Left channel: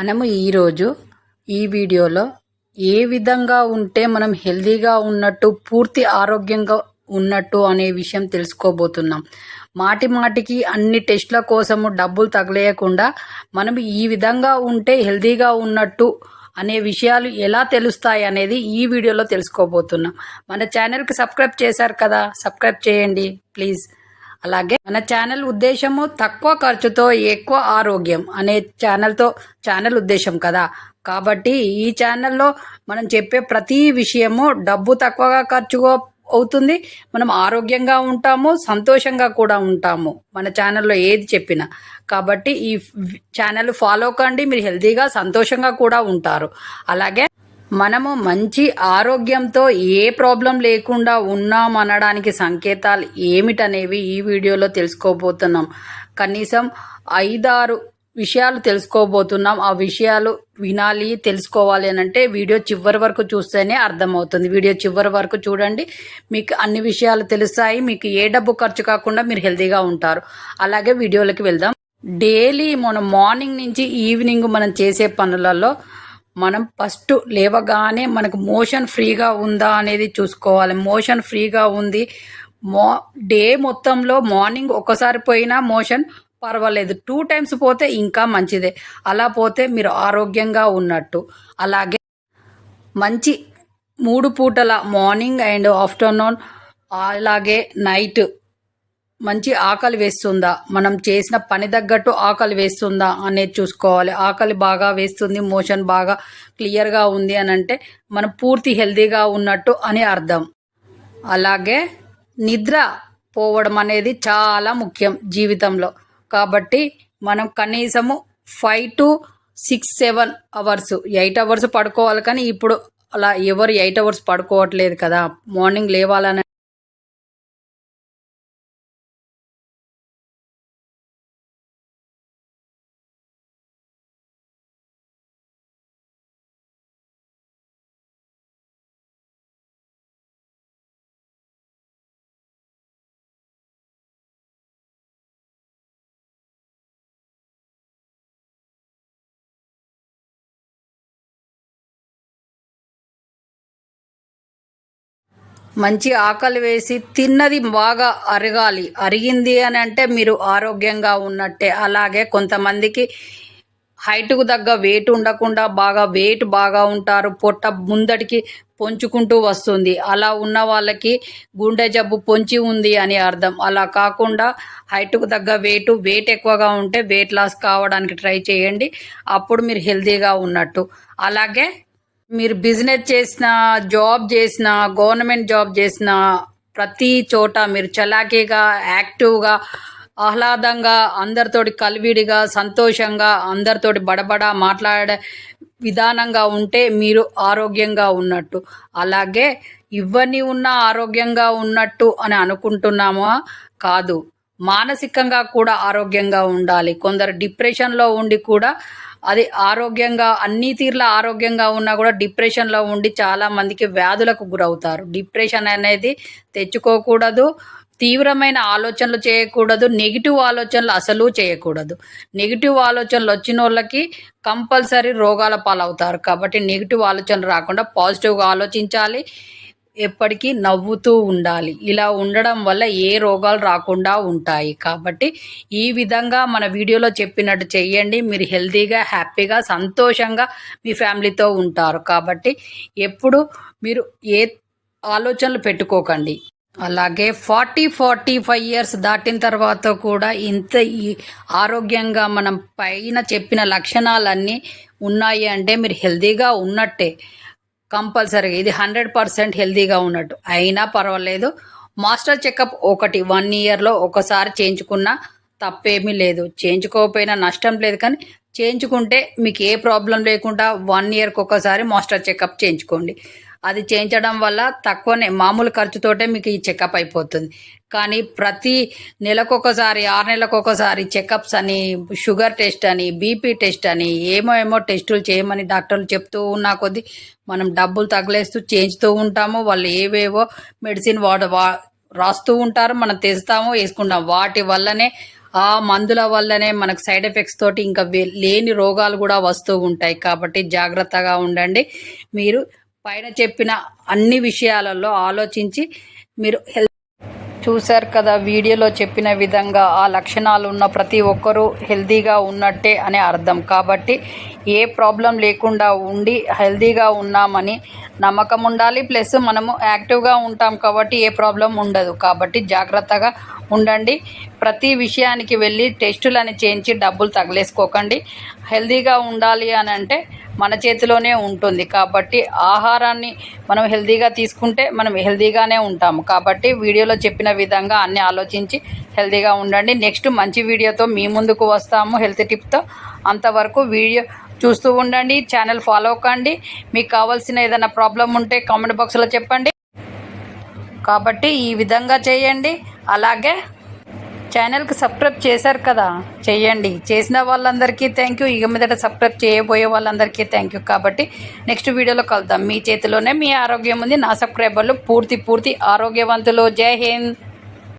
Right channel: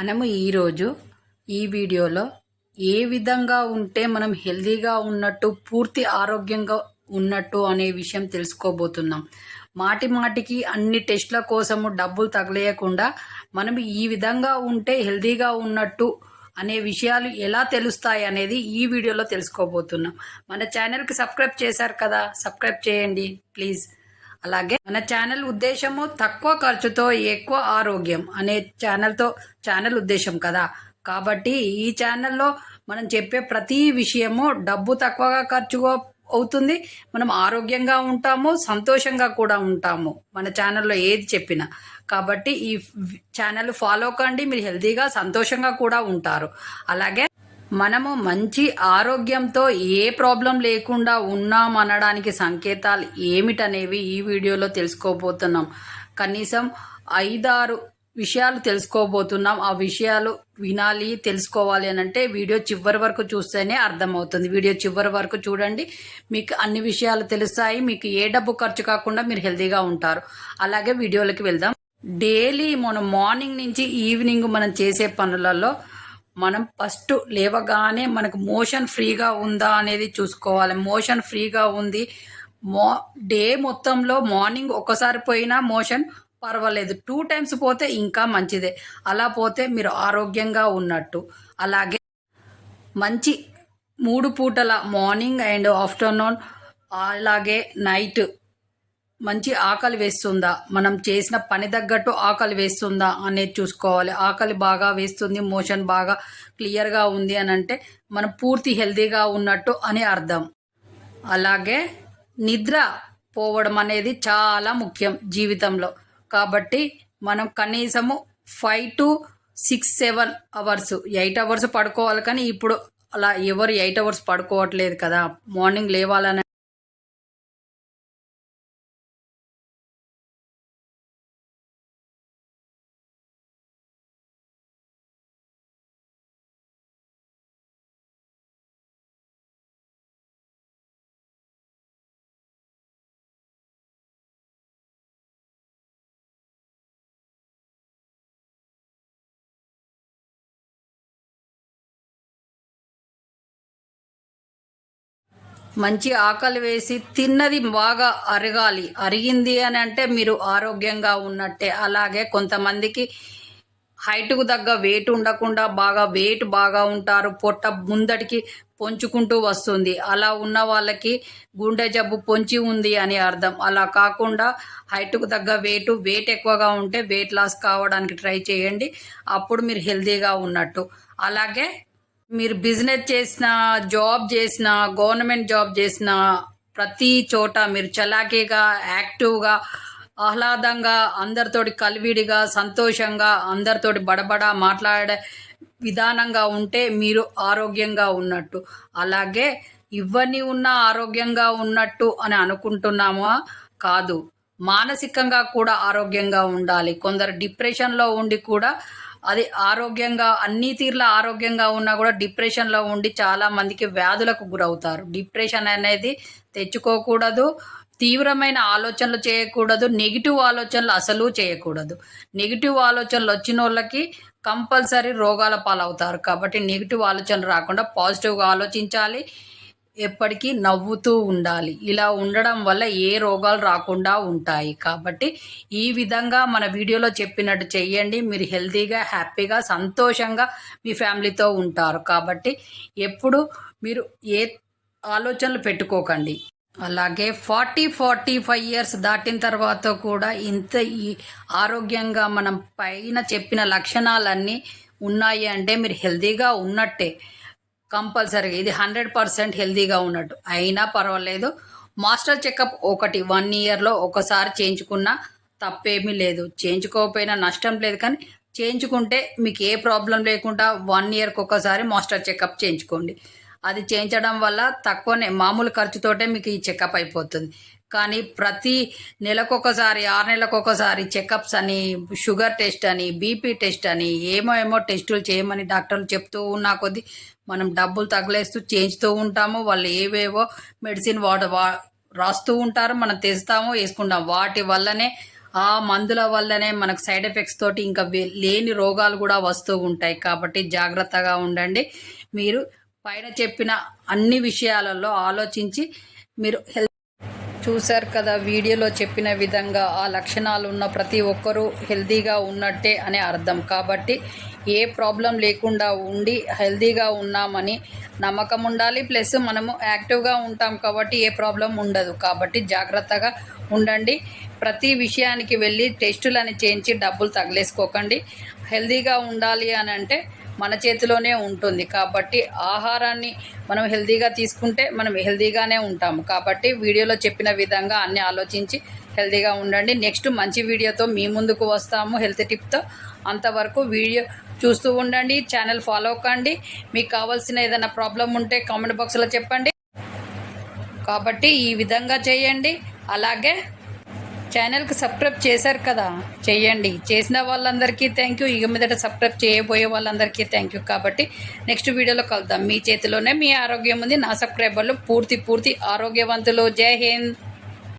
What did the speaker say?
మనము ఈరోజు ఈ వీడియోలో ఏ విధంగా ఉంటే మనం హెల్తీగా ఉన్నట్టు పూర్తి ఆరోగ్యంగా ఉన్నట్టు అనే విషయం తెలుసుకోబోతున్నాం. మాటి మాటికి అన్ని టెస్టుల కోసము డబ్బులు తగలేయకుండా మనం ఈ విధంగా ఉంటే హెల్తీగా ఉన్నట్టు అనే విషయాలు ఎలా తెలుస్తాయి అనేది ఈ వీడియోలో తెలుసుకోబోతున్నాం. మన ఛానల్కి సబ్స్క్రైబ్ చేశారు కదా, సబ్స్క్రైబ్ చేయండి ప్లీజ్. అలాగే మన ఛానల్ ఉద్దేశము తక్కువ ఖర్చుతో ఎక్కువ ఆరోగ్యం అనే ఛానల్ ఉద్దేశం కదా. కాబట్టి ఈ ఛానల్లో మనం చెప్పే ప్రతి విషయము డబ్బు తక్కువగా ఖర్చు అవుతుంది, మనం ఆరోగ్యంగా ఉంటాము, సంతోషంగా కూడా ఉంటాము మన ఛానల్లో ఏది చెప్పినా. కాబట్టి ఈ ఛానల్ ఫాలో కండి, మీరు హెల్తీగా సంతోషంగా కూడా ఉంటారు. అలాగే మనము మంచి ఆరోగ్యంతో ఏ ప్రాబ్లం లేకుండా ఉన్నామనడానికి సంకేతాలు ఏమిటనేవి ఈ వీడియోలో తెలుసుకోబోతున్నాం. కనీసం 5-6 విషయాలు తెలుసుకోబోతున్నాం. ఆ విషయాలు వినాలి, తెలుసుకోవాలి అని అంటే వీడియో చివరి వరకు చూస్తేనే అర్థమవుతుంది. వీడియో చివరి వరకు చూడండి, మీకు అన్ని విషయాలు తెలుస్తాయి. మీకు ఏ డబ్బు ఖర్చు కాకుండా మీరు హెల్తీగా ఉంటారు. అలాగే వీడియోలోకి వెళ్దాం. డైలీ మనం మార్నింగ్ నుంచి ఈవినింగ్ మనం చేసే పనులలో మనం ఫస్ట్ లేవగానే మనకు మోషన్ ఫ్రీగా ఉందా అనేది చూసుకోవాలి. మోషన్ ఫ్రీగా ఉంది, డే మొత్తంలో మార్నింగ్ ఒక్కసారి పోయినా మోషన్ పర్వాలేదు, 2 టైమ్స్ పోతే ఇంకా మంచిదే. అలా పోతే మీరు ఆరోగ్యంగా ఉన్నట్టు. అలాగే మంచి 3 పూటల మార్నింగ్ అండ్ ఆఫ్టర్నూన్ అలాగే నైట్ మంచి ఆకలి వేస్తుందా, మనం చేసిన పని తగ్గట్టు ఆకలి వేస్తుందా అనేది చూసుకోవాలి. ఆకలి బాగా వేస్తుంది, మోషన్ బాగా క్లియర్గా ఉంది అని అంటే మనం పూర్తి హెల్తీగా ఉన్నట్టు అని అర్థం. అలాగే నిద్ర పోవడం అనేది చాలా ముఖ్యం జీవితంలో. కాబట్టి మనం కనీసము 5 to 6, 7 అవర్స్ 8 అవర్స్ పడుకోవాలి. కానీ ఇప్పుడు అలా ఎవరు 8 అవర్స్ పడుకోవట్లేదు కదా. మార్నింగ్ లేవాలని మంచి ఆకలి వేసి తిన్నది బాగా అరగాలి. అరిగింది అని అంటే మీరు ఆరోగ్యంగా ఉన్నట్టే. అలాగే కొంతమందికి హైట్కు తగ్గ వెయిట్ ఉండకుండా వెయిట్ బాగా ఉంటారు, పొట్ట ముందటికి పొంచుకుంటూ వస్తుంది. అలా ఉన్న వాళ్ళకి గుండె జబ్బు పొంచి ఉంది అని అర్థం. అలా కాకుండా హైట్కు తగ్గ వెయిట్ ఎక్కువగా ఉంటే వెయిట్ లాస్ కావడానికి ట్రై చేయండి, అప్పుడు మీరు హెల్తీగా ఉన్నట్టు. అలాగే మీరు బిజినెస్ చేసిన, జాబ్ చేసిన, గవర్నమెంట్ జాబ్ చేసిన ప్రతి చోట మీరు చలాకీగా, యాక్టివ్గా, ఆహ్లాదంగా, అందరితోటి కలివిడిగా, సంతోషంగా, అందరితోటి బడబడా మాట్లాడే విధానంగా ఉంటే మీరు ఆరోగ్యంగా ఉన్నట్టు. అలాగే ఇవన్నీ ఉన్న ఆరోగ్యంగా ఉన్నట్టు అని అనుకుంటున్నామా? కాదు, మానసికంగా కూడా ఆరోగ్యంగా ఉండాలి. కొందరు డిప్రెషన్లో ఉండి కూడా అది ఆరోగ్యంగా అన్ని తీర్ల ఆరోగ్యంగా ఉన్నా కూడా డిప్రెషన్లో ఉండి చాలా మందికి వ్యాధులకు గురవుతారు. డిప్రెషన్ అనేది తెచ్చుకోకూడదు, తీవ్రమైన ఆలోచనలు చేయకూడదు, నెగిటివ్ ఆలోచనలు అసలు చేయకూడదు. నెగిటివ్ ఆలోచనలు వచ్చిన వాళ్ళకి కంపల్సరీ రోగాల పాలవుతారు. కాబట్టి నెగిటివ్ ఆలోచనలు రాకుండా పాజిటివ్గా ఆలోచించాలి, ఎప్పటికీ నవ్వుతూ ఉండాలి. ఇలా ఉండడం వల్ల ఏ రోగాలు రాకుండా ఉంటాయి. కాబట్టి ఈ విధంగా మన వీడియోలో చెప్పినట్టు చెయ్యండి, మీరు హెల్తీగా, హ్యాపీగా, సంతోషంగా మీ ఫ్యామిలీతో ఉంటారు. కాబట్టి ఎప్పుడు మీరు ఏ ఆలోచనలు పెట్టుకోకండి. అలాగే 40-45 ఇయర్స్ దాటిన తర్వాత కూడా ఇంత ఆరోగ్యంగా మనం పైన చెప్పిన లక్షణాలన్నీ ఉన్నాయి అంటే మీరు హెల్తీగా ఉన్నట్టే. కంపల్సరీగా ఇది 100% హెల్తీగా ఉన్నట్టు. అయినా పర్వాలేదు, మాస్టర్ చెకప్ 1 ఇయర్లో ఒకసారి చేయించుకున్నా తప్పేమీ లేదు. చేయించుకోకపోయినా నష్టం లేదు, కానీ చేయించుకుంటే మీకు ఏ ప్రాబ్లం లేకుండా 1 ఇయర్కి ఒకసారి మాస్టర్ చెకప్ చేయించుకోండి. అది చేయించడం వల్ల తక్కువనే, మామూలు ఖర్చుతోటే మీకు ఈ చెకప్ అయిపోతుంది. కానీ ప్రతి నెలకొకసారి, 6 నెలలకొకసారి చెకప్స్ అని, షుగర్ టెస్ట్ అని, బీపీ టెస్ట్ అని, ఏమో టెస్టులు చేయమని డాక్టర్లు చెప్తూ ఉన్న కొద్దీ మనం డబ్బులు తగిలేస్తూ చేయించుతూ ఉంటాము. వాళ్ళు ఏవేవో మెడిసిన్ రాస్తూ ఉంటారు, మనం తెస్తాము, వేసుకుంటాం. వాటి వల్లనే ఆ మందుల వల్లనే మనకు సైడ్ ఎఫెక్ట్స్ తోటి ఇంకా లేని రోగాలు కూడా వస్తూ ఉంటాయి. కాబట్టి జాగ్రత్తగా ఉండండి. మీరు పైన చెప్పిన అన్ని విషయాలలో ఆలోచించి మీరు చూశారు కదా, వీడియోలో చెప్పిన విధంగా ఆ లక్షణాలు ఉన్న ప్రతి ఒక్కరూ హెల్తీగా ఉన్నట్టే అనే అర్థం. కాబట్టి ఏ ప్రాబ్లం లేకుండా ఉండి హెల్తీగా ఉన్నామని నమ్మకం ఉండాలి. ప్లస్ మనము యాక్టివ్గా ఉంటాం కాబట్టి ఏ ప్రాబ్లం ఉండదు. కాబట్టి జాగ్రత్తగా ఉండండి. ప్రతి విషయానికి వెళ్ళి టెస్టులని చేయించి డబ్బులు తగిలేసుకోకండి. హెల్తీగా ఉండాలి అని అంటే మన చేతిలోనే ఉంటుంది. కాబట్టి ఆహారాన్ని మనం హెల్తీగా తీసుకుంటే మనం హెల్తీగానే ఉంటాము. కాబట్టి వీడియోలో చెప్పిన విధంగా అన్నీ ఆలోచించి హెల్తీగా ఉండండి. నెక్స్ట్ మంచి వీడియోతో మీ ముందుకు వస్తాము హెల్త్ టిప్తో. అంతవరకు వీడియో చూస్తూ ఉండండి. ఛానల్ ఫాలో కండి. మీకు కావాల్సిన ఏదైనా ప్రాబ్లం ఉంటే కామెంట్ బాక్స్లో చెప్పండి. కాబట్టి ఈ విధంగా చేయండి. అలాగే ఛానల్కి సబ్స్క్రైబ్ చేశారు కదా, చేయండి. చేసిన వాళ్ళందరికీ థ్యాంక్ యూ. ఇక మీదట సబ్స్క్రైబ్ చేయబోయే వాళ్ళందరికీ థ్యాంక్ యూ. కాబట్టి నెక్స్ట్ వీడియోలో కలుద్దాం. మీ చేతిలోనే మీ ఆరోగ్యం ఉంది. నా సబ్స్క్రైబర్లు పూర్తి ఆరోగ్యవంతులు. జై హింద్.